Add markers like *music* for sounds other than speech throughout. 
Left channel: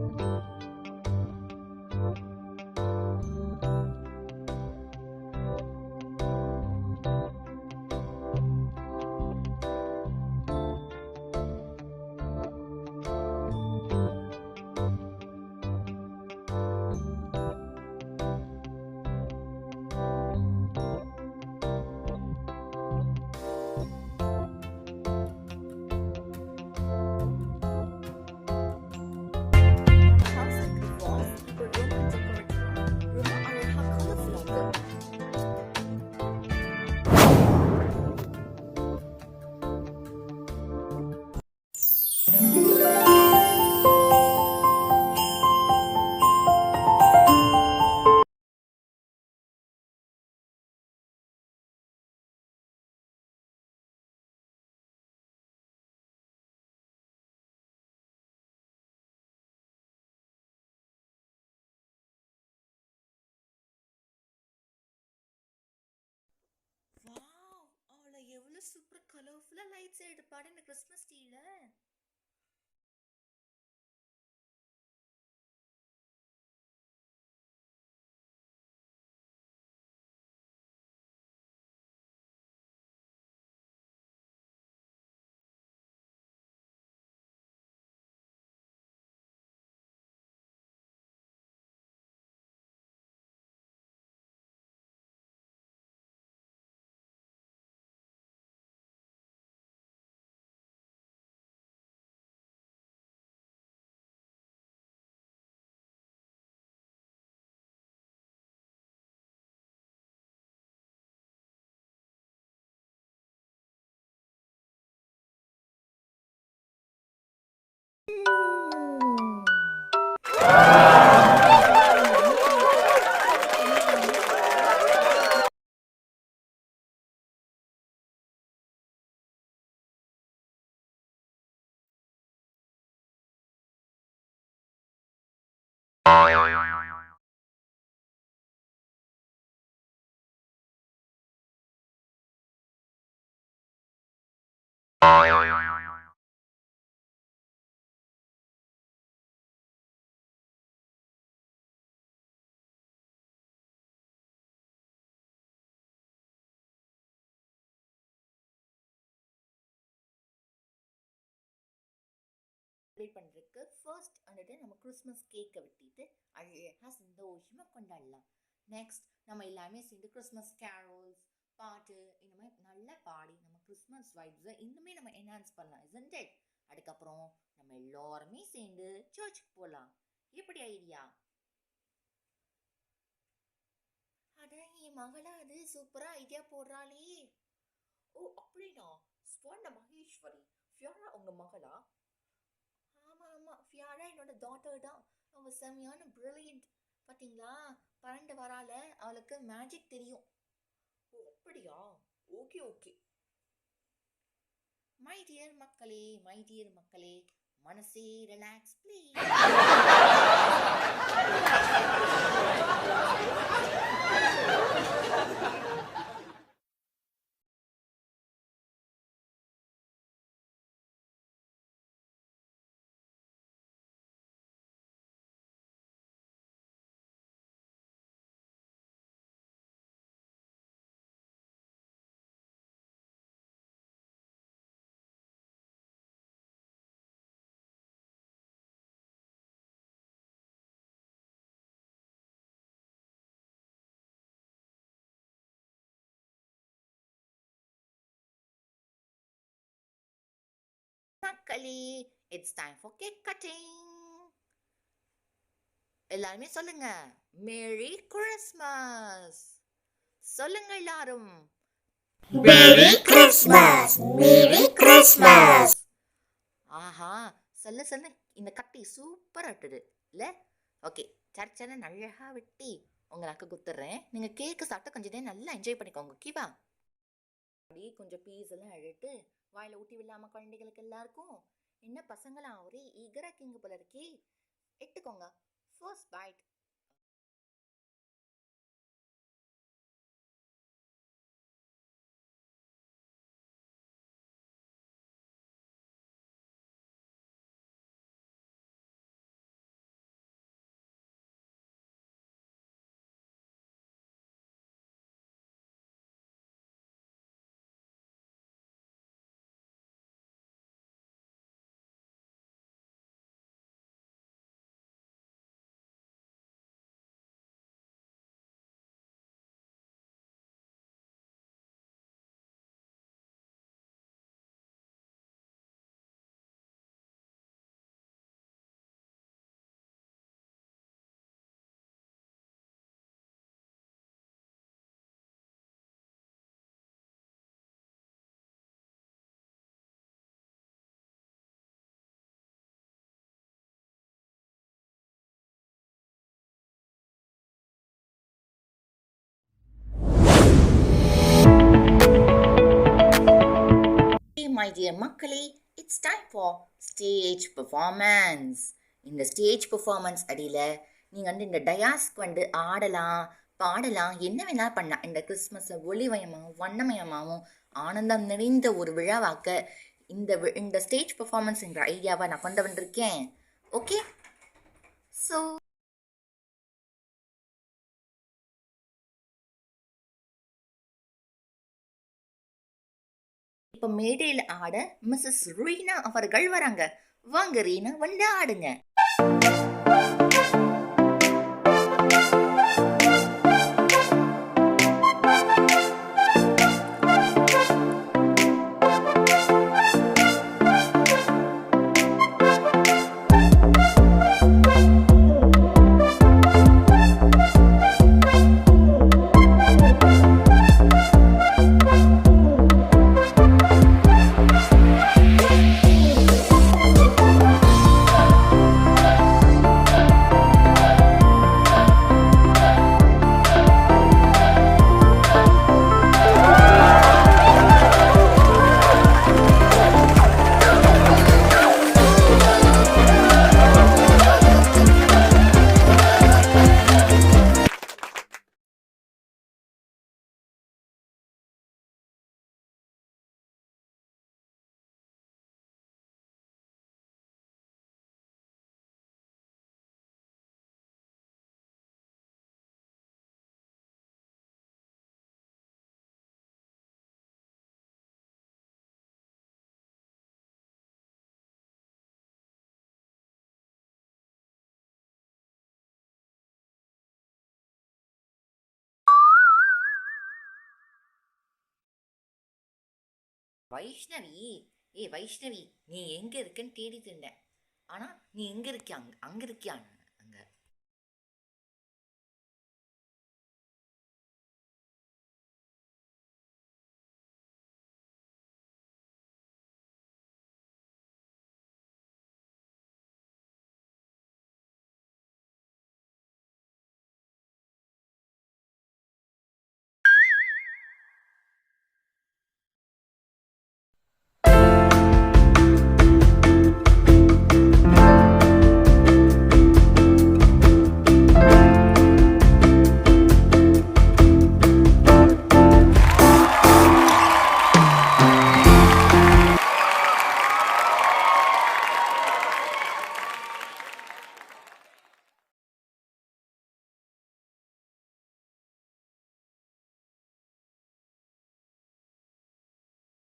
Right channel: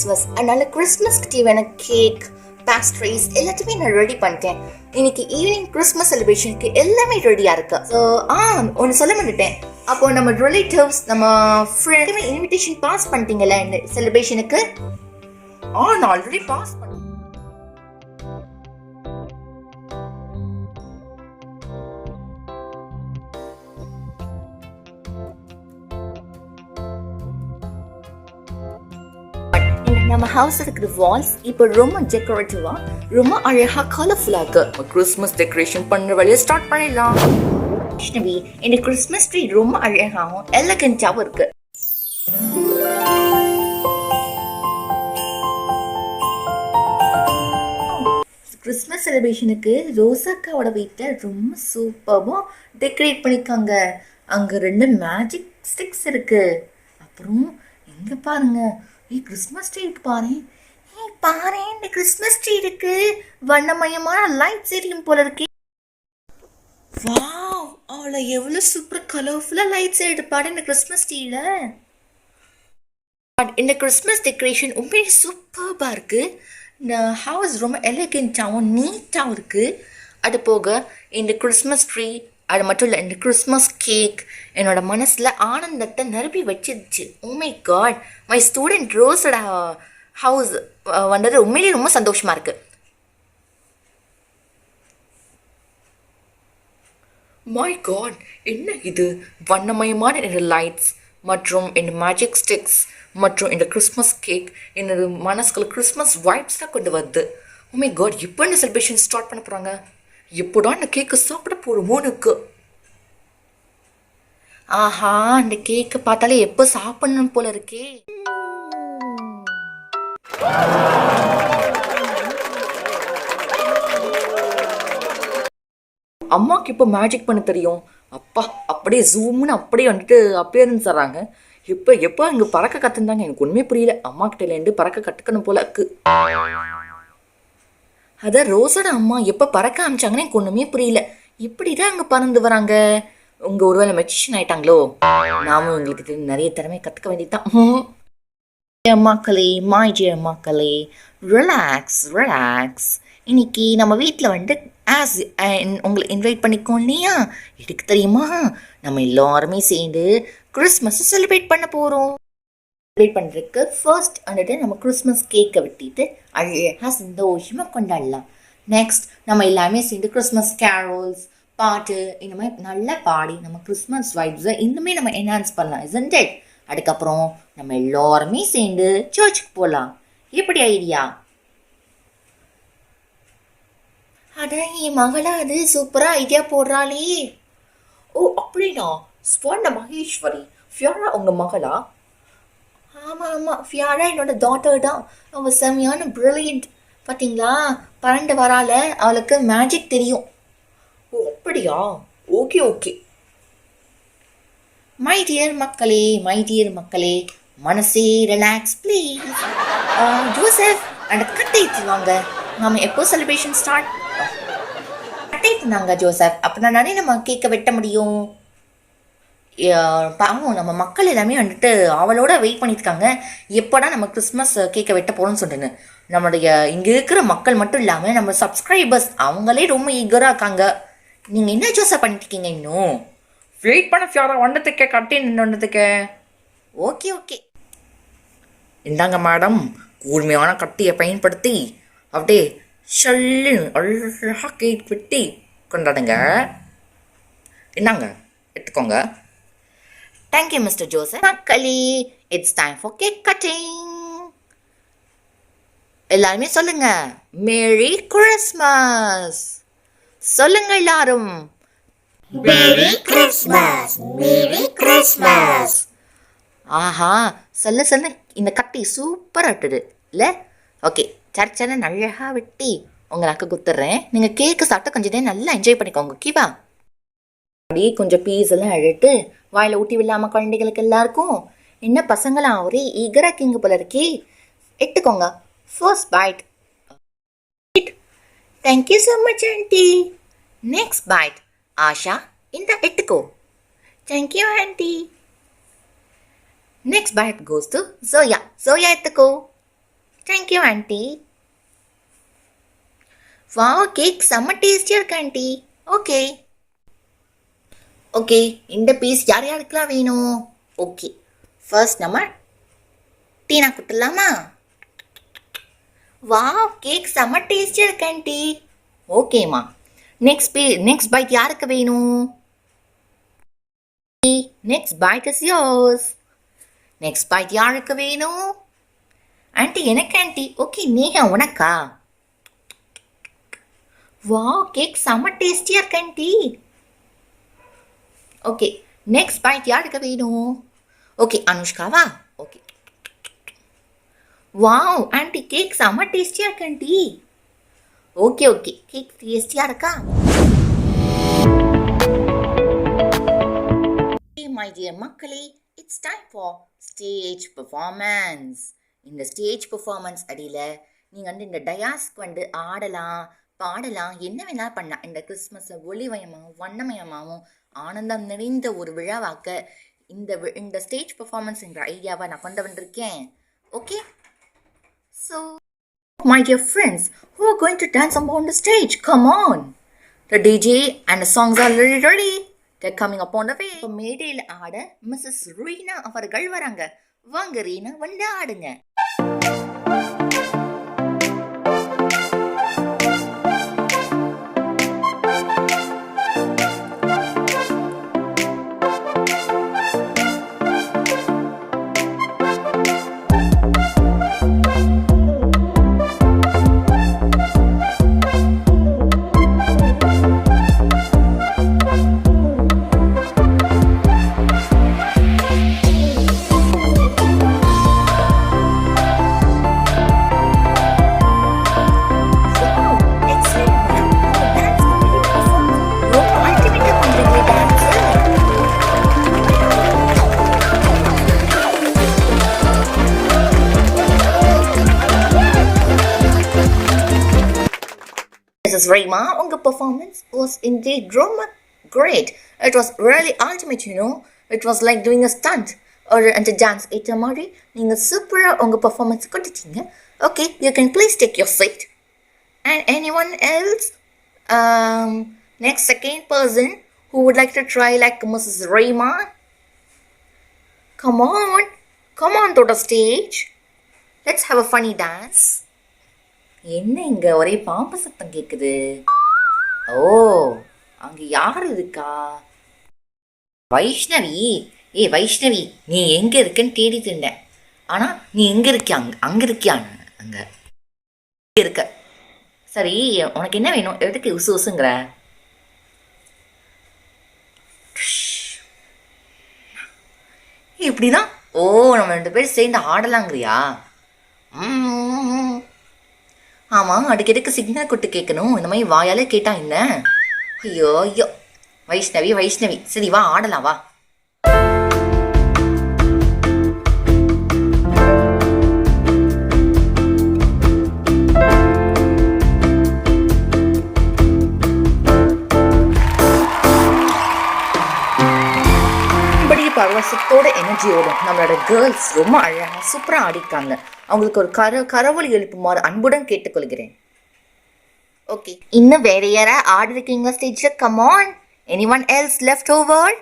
Christmas அதனால கிறிஸ்மஸ்க்கு தேவையான கேக் பேஸ்ட்ரிஸ் எல்லாத்தையுமே நான் ரெடி பண்ணிட்டேன். இன்னைக்கு ஈவினிங் கிறிஸ்மஸ் செலிப்ரேஷனுக்கு எல்லாமே ரெடியா இருக்கு. ஸோ ஆ ஒன்று சொல்ல மாட்டேன் அப்போ நம்ம ரிலேட்டிவ்ஸ் நம்ம ஃப்ரெண்டுமே இன்விடேஷன் பாஸ் பண்ணிட்டீங்களா இந்த செலிப்ரேஷனுக்கு ஆ நான் ஆல்ரெடி பாஸ் பண்ண ஹவுஸ் இருக்கிற வால்ஸ் இப்போ ரொம்ப டெக்கரேட்டிவா ரொம்ப அழகா கலர்ஃபுல்லா இருக்கு. கிறிஸ்மஸ் டெக்கரேஷன் பண்ற வழியை ஸ்டார்ட் பண்ணிடலாம். கிருஷ்ணவி இந்த கிறிஸ்மஸ் ட்ரீ ரொம்ப அழகாகவும் எலகண்டாவும் இருக்கு. கிறிஸ்மஸ் செலிப்ரேஷனுக்கு ரோசாக்காவோட வீட்டை ரொம்ப சூப்பராக டெக்கரேட் பண்ணிருக்காங்க. அங்கே ரெண்டு மேஜிக் ஸ்டிக்ஸ் இருக்கு. அப்புறம் எங்க பாருங்க ஏய் கிறிஸ்மஸ் ட்ரீ இருக்கு பாரு. ஏய் பாரு இந்த கிறிஸ்மஸ் ட்ரீ இருக்கு. வண்ணமயமான லைட் எரியும் போல இருக்கு. வாவ் அவளை எவ்வளோ சூப்பர் கலர்ஃபுல்லாக லைட்ஸ் எடுப்பாடு இந்த கிறிஸ்மஸ் ட்ரீயில் இந்த கிறிஸ்மஸ் டெக்கரேஷன் உண்மையிலே சூப்பர்பாக இருக்கு. இந்த ஹவுஸ் ரொம்ப எலகெண்ட்டாகவும் நீட்டாகவும் இருக்கு. அது போக இந்த கிறிஸ்மஸ் ட்ரீ அது மட்டும் இல்லை இந்த கிறிஸ்மஸ் கேக் என்னோட மனசில் ஆனந்தத்தை நிரப்பி வச்சிருச்சு. Oh my god my student ரோஸோட house வந்தது உண்மையிலேயே ரொம்ப சந்தோஷமா இருக்கு. மை காட் என்ன இது? வண்ணமயமான இந்த லைட்ஸ் மற்றும் இந்த மேஜிக் ஸ்டிக்ஸ் மற்றும் இந்த கிறிஸ்மஸ் கேக் என்னோட மனசுக்குள்ள கிறிஸ்மஸ் வைப்ஸ் தான் கொண்டு வருது. உமை காட் இப்போ இந்த செலிப்ரேஷன் ஸ்டார்ட் பண்ண போகிறாங்க எப்படா இந்த கேக்கு சாப்பிட போகிறோமோன்னு ஆஹா அந்த கேக்கு பார்த்தாலே எப்போ சாப்பிடணும் போல இருக்கே. அம்மாவுக்கு இப்போ மேஜிக் பண்ண தெரியும். அப்பா அப்படியே ஜூம்னு அப்படியே வந்துட்டு அப்பியரன்ஸ் தராங்க இப்போ எப்போ இங்கே பறக்க கற்றுந்தாங்க எனக்கு ஒன்றுமே புரியல. அம்மா கிட்டேலேருந்து பறக்க கற்றுக்கணும் போல இருக்கு. அதான் ரோஸோட அம்மா எப்போ பறக்க ஆரம்பிச்சாங்கன்னு எனக்கு ஒன்றுமே புரியல. இப்படிதான் அங்கே பறந்து வராங்க. உங்க ஒருவேளை மெச்சிஷன் ஆயிட்டாங்களோ? நாமும் உங்களுக்கு நிறைய திறமை கற்றுக்க வேண்டியதுதான். *laughs* Dear மக்களே மை டியர் மக்களே ரிலாக்ஸ் ரிலாக்ஸ் இன்னைக்கு நம்ம வீட்டில் வந்து ஆஸ் உங்களை இன்வைட் பண்ணிக்கோம் இல்லையா? எதுக்கு தெரியுமா? நம்ம எல்லாருமே சேர்ந்து கிறிஸ்மஸை செலிப்ரேட் பண்ண போகிறோம் செலிப்ரேட் பண்ணுறதுக்கு ஃபர்ஸ்ட் வந்துட்டு நம்ம கிறிஸ்மஸ் கேக்கை வெட்டிட்டு அழகாக சந்தோஷமாக கொண்டாடலாம். நெக்ஸ்ட் நம்ம எல்லாமே சேர்ந்து கிறிஸ்மஸ் கேரோல்ஸ் பாட்டு இந்த மாதிரி நல்லா பாடி நம்ம கிறிஸ்மஸ் வைப்ஸை இன்னுமே நம்ம என்ஹான்ஸ் பண்ணலாம் isn't it? அதுக்கப்புறம் நம்ம எல்லாருமே சேர்ந்து சர்ச்சுக்கு போகலாம் எப்படி ஐடியா அட என் மகளா அது சூப்பராக ஐடியா போடுறாளே. ஓ அப்படின்னா ஸ்வர்ண மகேஸ்வரி ஃபியோரா உங்க மகளா? ஆமாம் ஆமாம் ஃபியாரா என்னோட டாட்டர் தான். அவள் செம்மையான ப்ரில்லியன்ட் பார்த்தீங்களா பறந்து வரால அவளுக்கு மேஜிக் தெரியும். ஓ அப்படியா? ஓகே ஓகே மை டியர் மக்களே மை டியர் மக்களே மனசே ரிலாக்ஸ் ப்ளீஸ் ஜோசப் அந்த கட்டை வாங்க நாம் எப்போ செலிப்ரேஷன் ஸ்டார்ட் கட்டை தின்னாங்க ஜோசப் அப்படின்னா நானே நம்ம கேக்கை வெட்ட முடியும்? பாவம் நம்ம மக்கள் எல்லாமே வந்துட்டு அவளோட வெயிட் பண்ணியிருக்காங்க. எப்போடா நம்ம கிறிஸ்மஸ் கேக்கை வெட்ட போகிறோம்னு சொல்லிட்டு நம்மளுடைய இங்கே இருக்கிற மக்கள் மட்டும் இல்லாமல் நம்ம சப்ஸ்கிரைபர்ஸ் அவங்களே ரொம்ப ஈகராக இருக்காங்க. நீங்கள் என்ன ஜோசப் பண்ணிட்டு இருக்கீங்க இன்னும்? வெயிட் பண்ண ஃபியாரா. வந்ததுக்கே கட்டி நின்று வந்ததுக்கே ஓகே ஓகே இந்தாங்க மேடம் கூர்மையான கட்டியை பயன்படுத்தி அப்படியே ஷல்லு அழகாக கேக் வெட்டி கொண்டாடுங்க. இந்தாங்க எடுத்துக்கோங்க. தேங்க்யூ மிஸ்டர் ஜோசப் மக்களே it's time for cake cutting எல்லாருமே சொல்லுங்க. மேரி கிறிஸ்மஸ் சொல்லுங்க எல்லாரும். Merry Christmas! Merry Christmas! ஆஹா சொல்ல சொல்ல. இந்த கட்டி சூப்பராக விட்டுது இல்லை? ஓகே சர்ச்சனை அழகாக வெட்டி உங்களுக்கு குத்துறேன். நீங்கள் கேக்கு சாப்பிட்டு கொஞ்சம் நேரம் நல்லா என்ஜாய் பண்ணிக்கோங்க ஓகேவா அப்படியே கொஞ்சம் பீஸ் எல்லாம் அழுட்டு வாயில் ஊட்டி விடாம குழந்தைகளுக்கு எல்லாருக்கும் என்ன பசங்களாம் ஒரே ஈகர கிங்க போல இருக்கே. எடுத்துக்கோங்க. First bite thank you so much aunty next bite Asha இந்த எடுத்துக்கோ. Thank you aunty next bite goes to Zoya Zoya எடுத்துக்கோ. தேங்க்யூ ஆண்டி வா கேக் செம்ம டேஸ்டியாக இருக்கு ஆண்டி ஓகே ஓகே இந்த பீஸ் யார் யாருக்கெல்லாம் வேணும்? ஓகே ஃபர்ஸ்ட் நம்ம டீனா கொடுத்துடலாமா வா கேக் செம்ம டேஸ்டியாக இருக்கு ஆண்டி ஓகேம்மா நெக்ஸ்ட் பீ நெக்ஸ்ட் பைக் யாருக்கு வேணும்? Next bite is yours next bite யாருக்கு வேணும்? ஆண்டி எனக்கு ஆண்டி ஓகே நேஹா உனக்கா? வா கேக் செம்ம டேஸ்டியாக இருக்கு ஆண்டி ஓகே நெக்ஸ்ட் பாயிண்ட் யாருக்கு வேணும்? ஓகே அனுஷ்காவா? ஓகே வாவ் ஆண்டி கேக் செம்ம டேஸ்டியாக இருக்கு ஆண்டி ஓகே ஓகே கேக் டேஸ்டியாக இருக்கா? மை டியர் மக்களே it's time for stage performance இந்த ஸ்டேஜ் பெர்ஃபார்மன்ஸ் அடியில் நீங்கள் வந்து இந்த டயாஸ்க்கு வந்து ஆடலாம் பாடலாம் என்ன வேணாலும் பண்ணலாம் இந்த கிறிஸ்மஸை ஒளிமயமாகவும் வண்ணமயமாகவும் ஆனந்தம் நிறைந்த ஒரு விழாவாக்க இந்த வி- இந்த ஸ்டேஜ் பெர்ஃபார்மன்ஸ்ங்கிற ஐடியாவை நான் கொண்டு வந்திருக்கேன் okay so my dear friends who are going to dance upon the stage. Come on. The DJ and the songs are already ready. They're coming upon the way. இப்போ மேடையில் ஆட மிஸ்ஸஸ் ரீனா அவர்கள் வராங்க வாங்க ரீனா வந்து ஆடுங்க Mrs. Rayma, உங்க performance was indeed drama great. It was really ultimate, you know. It was like doing a stunt or அந்த டான்ஸ் ஏற்ற மாதிரி நீங்கள் சூப்பராக உங்கள் பர்ஃபார்மன்ஸ் கொடுத்தீங்க okay you can please take your seat and any one else next second person who would like to try like missus Rema come on come on to the stage let's have a funny dance என்ன இங்க ஒரே பாம்பு சத்தம் கேக்குது? ஓ அங்க யார் இருக்கா? வைஷ்ணவி. ஏ வைஷ்ணவி நீ எங்க இருக்கன்னு தேடி திண்டேன் ஆனா நீ எங்க இருக்கியா? அங்க அங்க இருக்கியா? அங்க இருக்க. சரி உனக்கு என்ன வேணும்? எதுக்கு உசு உசுங்கிற? இப்படிதான்? ஓ நம்ம ரெண்டு பேரும் சேர்ந்து ஆடலாங்கிறியா? ம் ஆமாம் அதுக்கு எதுக்கு சிக்னல் கொடுத்து கேட்கணும். இந்த மாதிரி வாயாலே கேட்டா என்ன? ஐயோ ஐயோ. வைஷ்ணவி வைஷ்ணவி. சரி வா ஆடலாம் வா. அழகாக அவங்களுக்கு ஒரு கர கரவொலி எழுப்புமாறு அன்புடன் கேட்டுக்கொள்கிறேன். ஓகே. இன்னும் வேற யாரா? ஆடிருக்கீங்க ஸ்டேஜில் come on any one else left over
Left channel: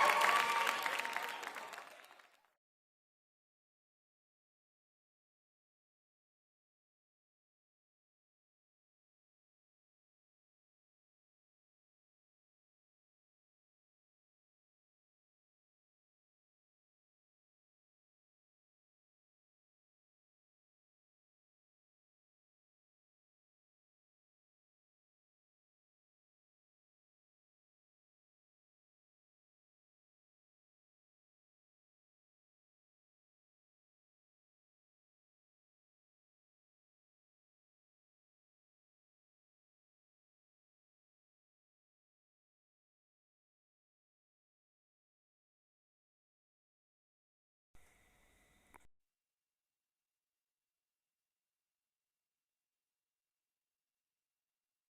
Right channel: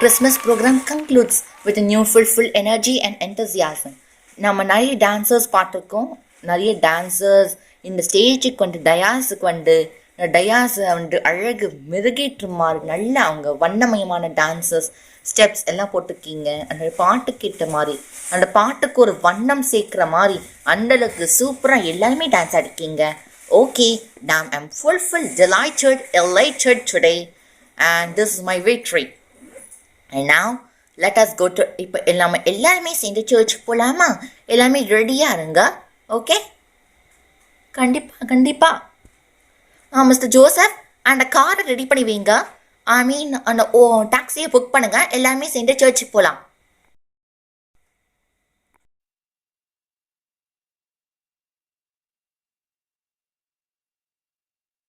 Christmas program concludes with a new fulfilled energy and enthusiasm. நம்ம நிறைய டான்சர்ஸ் பார்த்துருக்கோம். நிறைய டான்சர்ஸ் இந்த ஸ்டேஜுக்கு வந்து டயாஸுக்கு வந்து டயாஸை வந்து அழகு மெருகேற்றுமாறு நல்ல அவங்க வண்ணமயமான டான்சர்ஸ் ஸ்டெப்ஸ் எல்லாம் போட்டிருக்கீங்க. அந்த பாட்டு கேட்ட மாதிரி அந்த பாட்டுக்கு ஒரு வண்ணம் சேர்க்குற மாதிரி அந்தளவுக்கு சூப்பராக எல்லாருமே டான்ஸ் ஆடிருக்கீங்க. ஓகே நான் I'm fulfil delighted elated today and this is my victory நான் now let us go இப்போ எல்லாமே எல்லாருமே சேர்ந்து சர்ச்சுக்கு போகலாமா எல்லாமே ரெடியாக இருங்க. ஓகே கண்டிப்பாக கண்டிப்பாக ஆ மிஸ்டர் ஜோசப் அந்த காரை ரெடி பண்ணி வைங்க. ஐ மீன் அந்த ஓ டாக்ஸியை புக் பண்ணுங்கள் எல்லாருமே சேர்ந்து சர்ச்சுக்கு போகலாம்